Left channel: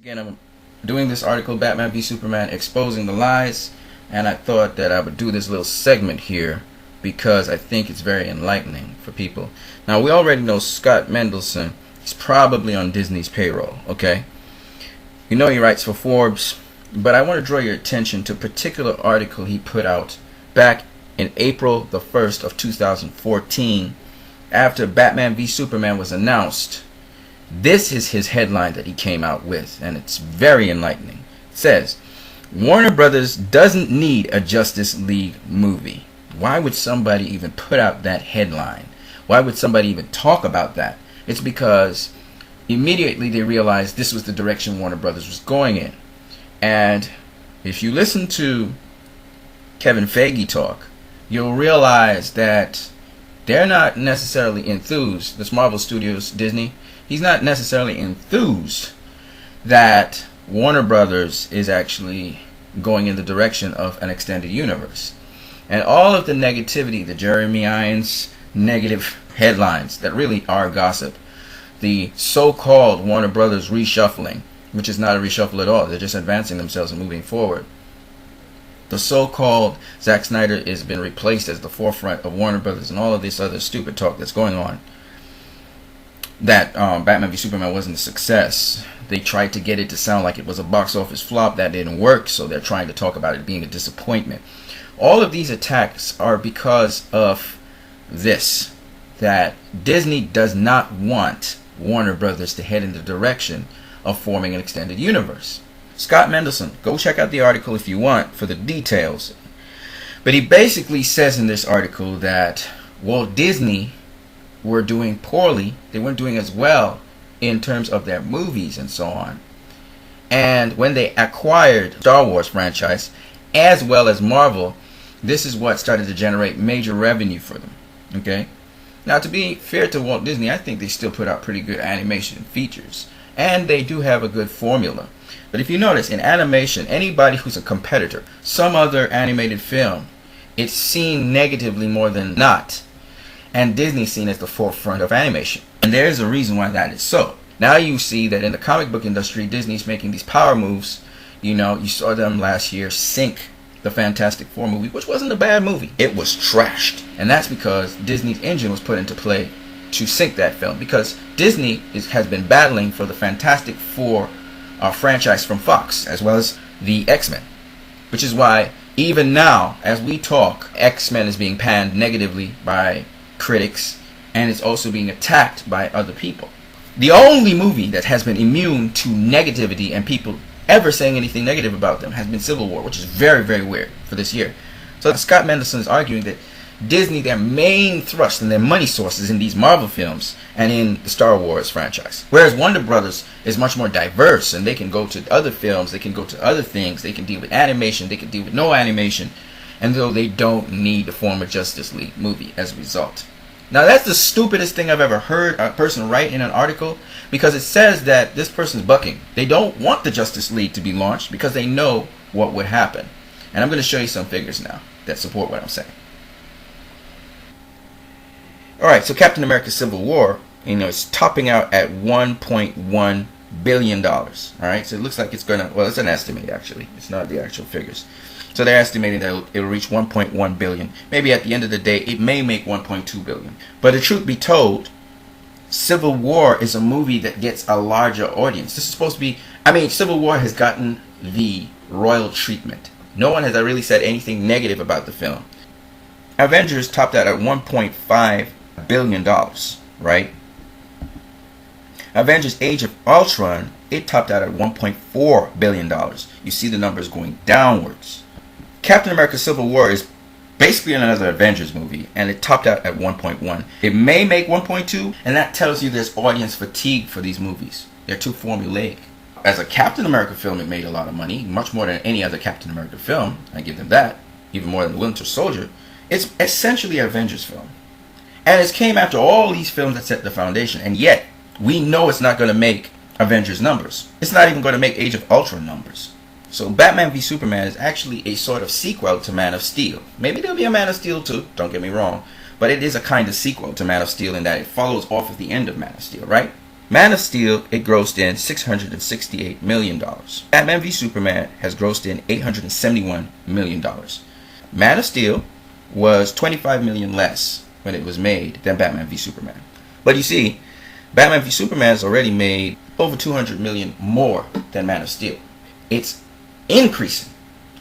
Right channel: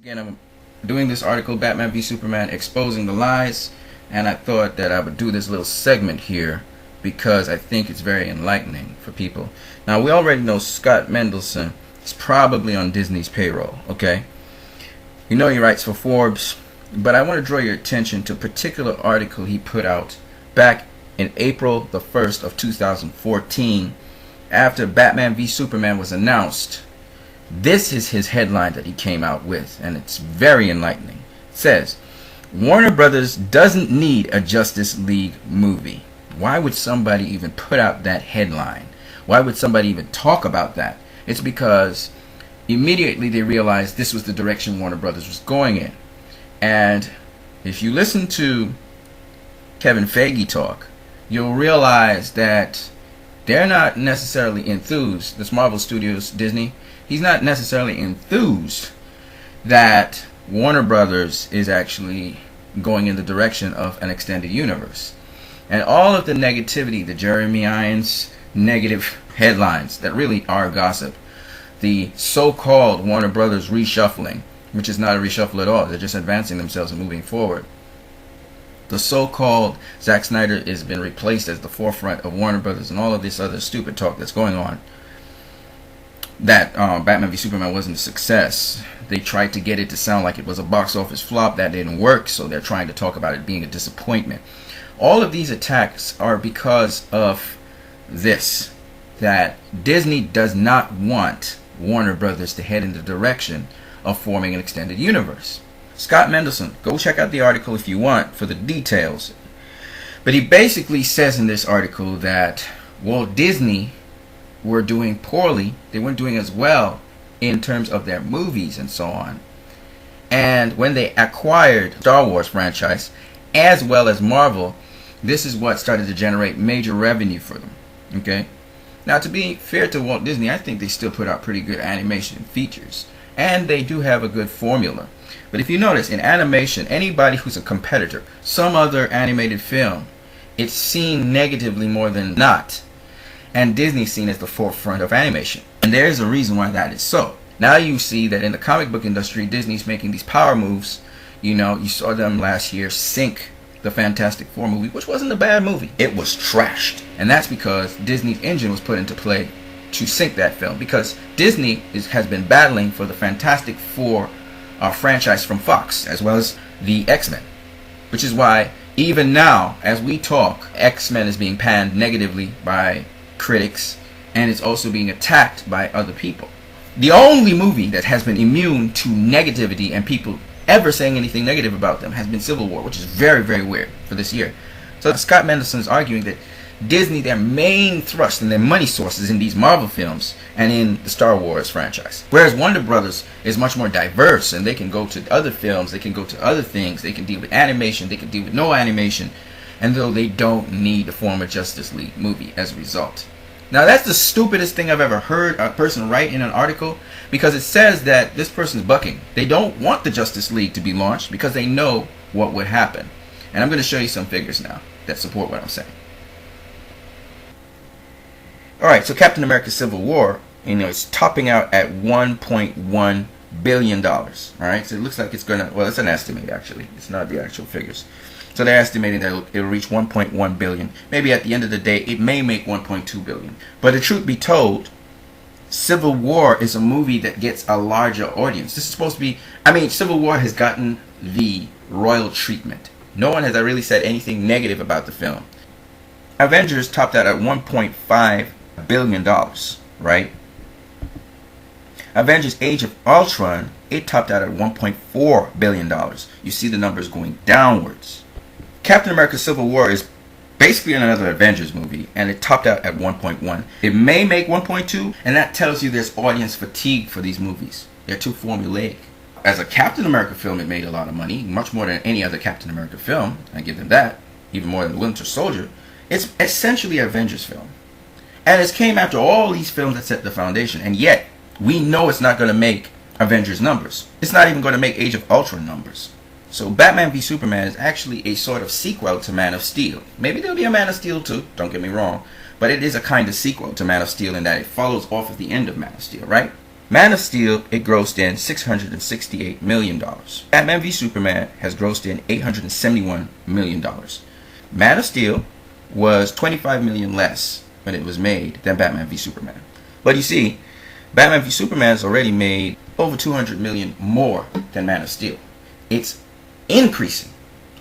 Again, I'm doing this article, Batman v Superman, exposing the lies, and I thought that I would do this little segment here because I think it's very enlightening for people. Now, we already know Scott Mendelson is probably on Disney's payroll, okay? We know he writes for Forbes, but I want to draw your attention to a particular article he put out back in April the 1st of 2014 after Batman v Superman was announced. This is his headline that he came out with, and it's very enlightening. It says, Warner Brothers doesn't need a Justice League movie. Why would somebody even put out that headline? Why would somebody even talk about that? It's because immediately they realized this was the direction Warner Brothers was going in. And if you listen to Kevin Feige talk, you'll realize that they're not necessarily enthused. This Marvel Studios, Disney, he's not necessarily enthused that Warner Brothers is actually going in the direction of an extended universe. And all of the negativity, the Jeremy Irons negative headlines that really are gossip, the so-called Warner Brothers reshuffling, which is not a reshuffle at all, they're just advancing themselves and moving forward. The so-called Zack Snyder has been replaced as the forefront of Warner Brothers, and all of this other stupid talk that's going on. That Batman v Superman wasn't a success. They tried to get it to sound like it was a box office flop. That didn't work, so they're trying to talk about it being a disappointment. All of these attacks are because of this, that Disney does not want Warner Brothers to head in the direction of forming an extended universe. Scott Mendelson, go check out the article if you want for the details. But he basically says in this article that Walt Disney were doing poorly. They weren't doing as well in terms of their movies and so on. And when they acquired Star Wars franchise as well as Marvel, this is what started to generate major revenue for them. Okay? Now, to be fair to Walt Disney, I think they still put out pretty good animation features. And they do have a good formula. But if you notice, in animation, anybody who's a competitor, some other animated film, it's seen negatively more than not. And Disney's seen as the forefront of animation. And there's a reason why that is so. Now you see that in the comic book industry, Disney's making these power moves. You know, you saw them last year sink the Fantastic Four movie, which wasn't a bad movie. It was trashed. And that's because Disney's engine was put into play to sink that film. Because Disney has been battling for the Fantastic Four franchise from Fox, as well as the X-Men. Which is why, even now, as we talk, X-Men is being panned negatively by critics, and it's also being attacked by other people. The only movie that has been immune to negativity and people ever saying anything negative about them has been Civil War, which is very, very weird for this year. So Scott Mendelson is arguing that Disney, their main thrust and their money sources in these Marvel films and in the Star Wars franchise. Whereas Warner Brothers is much more diverse, and they can go to other films, they can go to other things, they can deal with animation, they can deal with no animation, and though they don't need to form a Justice League movie as a result. Now, that's the stupidest thing I've ever heard a person write in an article, because it says that this person's bucking. They don't want the Justice League to be launched because they know what would happen. And I'm going to show you some figures now that support what I'm saying. Alright, so Captain America Civil War, is topping out at $1.1 billion. Alright, so it looks like it's going to, well, it's an estimate actually. It's not the actual figures. So they're estimating that it'll reach 1.1 billion. Maybe at the end of the day, it may make 1.2 billion. But the truth be told, Civil War is a movie that gets a larger audience. This is supposed to be, Civil War has gotten the royal treatment. No one has really said anything negative about the film. Avengers topped out at $1.5 billion, right? Avengers Age of Ultron, it topped out at $1.4 billion. You see the numbers going downwards. Captain America Civil War is basically another Avengers movie, and it topped out at 1.1. It may make 1.2, and that tells you there's audience fatigue for these movies. They're too formulaic. As a Captain America film, it made a lot of money, much more than any other Captain America film. I give them that, even more than Winter Soldier. It's essentially an Avengers film. And it came after all these films that set the foundation, and yet we know it's not going to make Avengers numbers. It's not even going to make Age of Ultron numbers. So Batman v Superman is actually a sort of sequel to Man of Steel. Maybe there'll be a Man of Steel too, don't get me wrong. But it is a kind of sequel to Man of Steel in that it follows off of the end of Man of Steel, right? Man of Steel, it grossed in $668 million. Batman v Superman has grossed in $871 million. Man of Steel was $25 million less when it was made than Batman v Superman. But you see, Batman v Superman has already made over $200 million more than Man of Steel. It's increasing.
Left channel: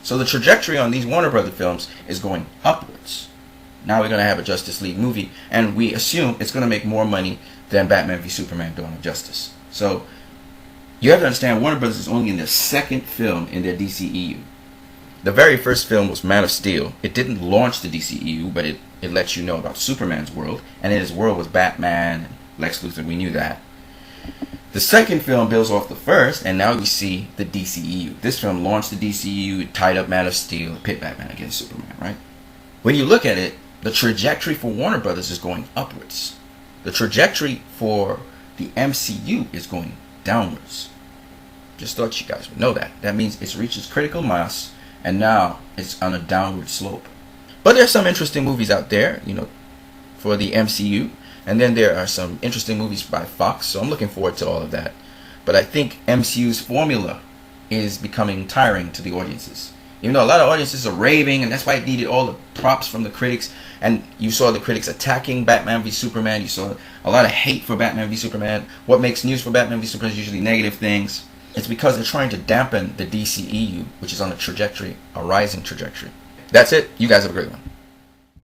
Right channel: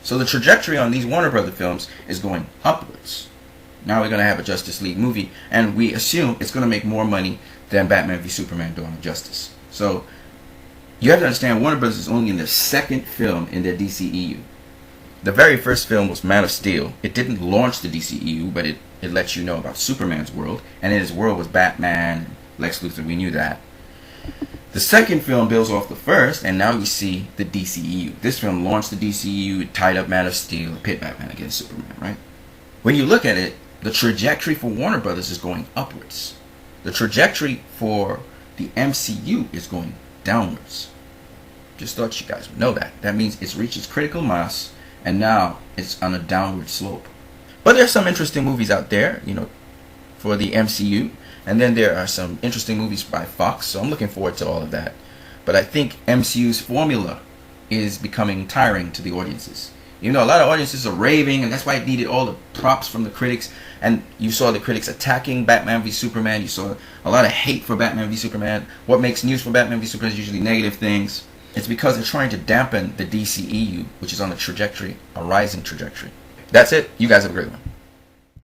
So the trajectory on these Warner Brother films is going upwards. Now we're going to have a Justice League movie, and we assume it's going to make more money than Batman v Superman: Dawn of Justice. So you have to understand, Warner Brothers is only in their second film in their DCEU. The very first film was Man of Steel. It didn't launch the DCEU, but it lets you know about Superman's world, and in his world was Batman and Lex Luthor. We knew that. The second film builds off the first, and now we see the DCEU. This film launched the DCEU, it tied up Man of Steel, pit Batman against Superman, right? When you look at it, the trajectory for Warner Brothers is going upwards. The trajectory for the MCU is going downwards. Just thought you guys would know that. That means it's reached its critical mass, and now it's on a downward slope. But there's some interesting movies out there, for the MCU. And then there are some interesting movies by Fox, so I'm looking forward to all of that. But I think MCU's formula is becoming tiring to the audiences. Even though a lot of audiences are raving, and that's why it needed all the props from the critics. And you saw the critics attacking Batman v Superman. You saw a lot of hate for Batman v Superman. What makes news for Batman v Superman is usually negative things. It's because they're trying to dampen the DCEU, which is on a trajectory, a rising trajectory. That's it. You guys have a great one.